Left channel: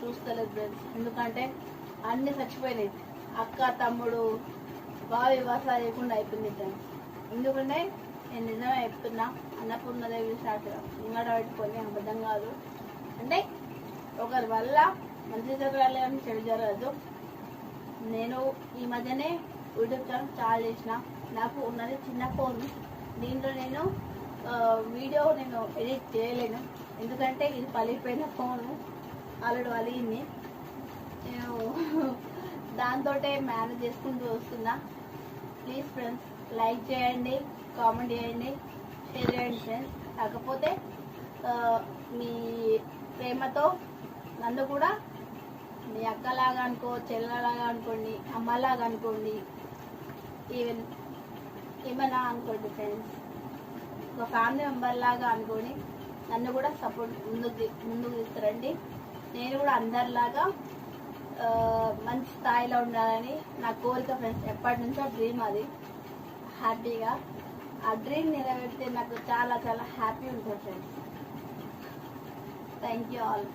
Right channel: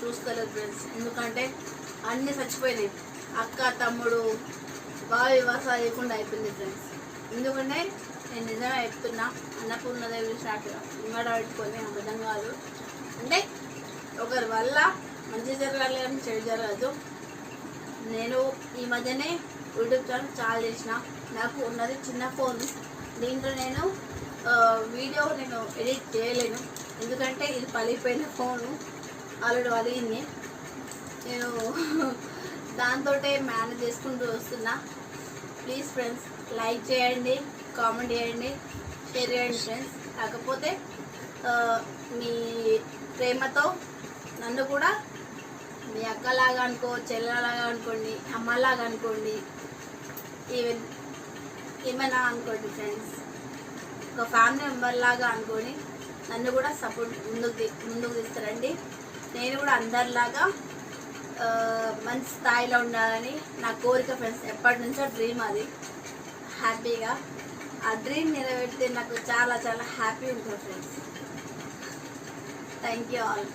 చూసుకోలేదు ఫ్రెండ్స్. ఎందుకంటే అన్నీ చచ్చిపోయినాయి. అక్క తమ్ముడు బాగా వివాసాలు లేకుండా అయిపోయింది ఫ్రెండ్స్. ఎందుకంటే నేను నిజంగా చెప్తున్నా, అన్నపూర్ణదేవి షాట్లో నిమ్మడ పెట్టుకొని అబద్ధం కాదు. అంటే ఒకరి వల్ల మంచి జరగాలి అని చెడు జరగదు. నేను ఈ మధ్యనే యూట్యూబ్ ఛానల్ చాలా చేసిన. నాకు ఉన్నది చిన్న ఫోన్. దీంట్లో నేను వీడియో నేను ఎడిట్ చేయలేను. ఎందుకంటే ఇది పలిగిపోయిన ఫోను, ఆల్రెడీ పలిగింది. నేను దాంతో మేనేజ్ చేసుకుంటూ వస్తున్నా. ప్లీజ్ ఫ్రెండ్స్ లైక్ చేయండి, కామెంట్ చేయండి, షేర్ చేయండి ఫ్రెండ్స్. కాకపోతే మీ ప్రేమతో నన్ను కూడా మీ అక్కలాగా అనుకో, చెల్లెలాగా అనుకోండి, అమ్మలాగా అనుకోండి, ఈవెన్ ఏమైనా అనుకోండి ఫ్రెండ్స్. ఒక ఫ్యామిలీ మెంబర్ లాగా అనుకొని నన్ను కూడా సపోర్ట్ ముందుకు తీస్తారండి. నేను కూడా అందరిలాగా మంచి స్థాయిలో ఉండాలని నా కోరిక ఫ్రెండ్స్. ఎప్పటి నుంచో డ్రీమ్ అది. హ్యాపీగా ఆ డ్రీమ్ నెరవేరితే నాకు చాలా చాలా హ్యాపీ ఉంటుంది ఫ్రెండ్స్. Thank you all.